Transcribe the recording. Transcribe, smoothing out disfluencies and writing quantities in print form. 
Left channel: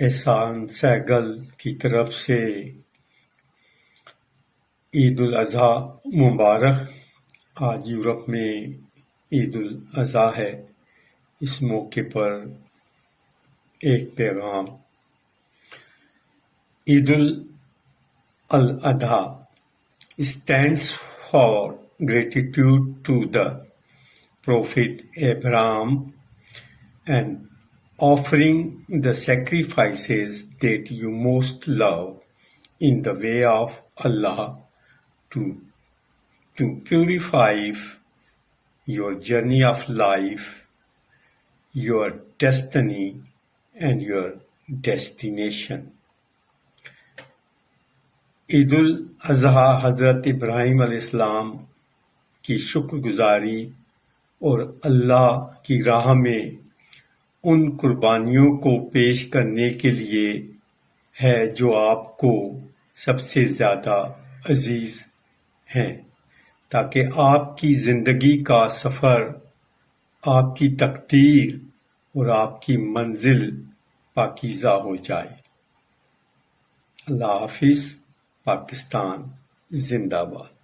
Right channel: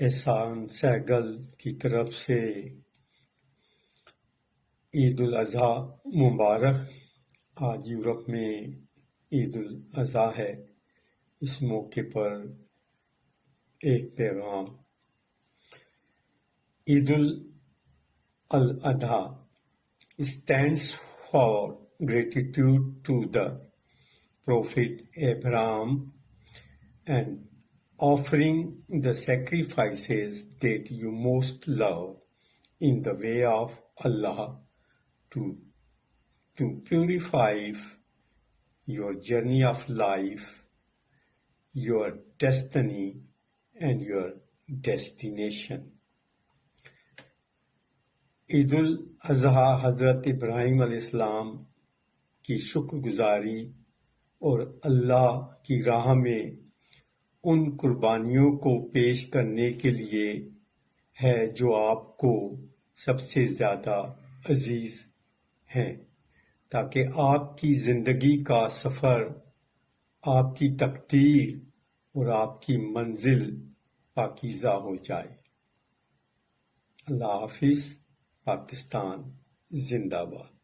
احسان سہگل کی طرف سے عید الاضحیٰ مبارک۔ آج یورپ میں عید الاضحیٰ ہے۔ اس موقع پر ایک پیغام۔ عید al-Adha stands for gratitude to the Prophet Abraham and offering the sacrifices that you most love in the way of Allah to purify your journey of life, your destiny, and your destination. عید الاضحیٰ حضرت ابراہیم علیہ السلام کی شکر گزاری اور اللہ کی راہ میں ان قربانیوں کو پیش کرنے کے لیے ہے جو آپ کو سب سے زیادہ عزیز ہیں، تاکہ آپ کی زندگی کا سفر، آپ کی تقدیر اور آپ کی منزل پاکیزہ ہو جائے۔ اللہ حافظ۔ پاکستان زندہ باد۔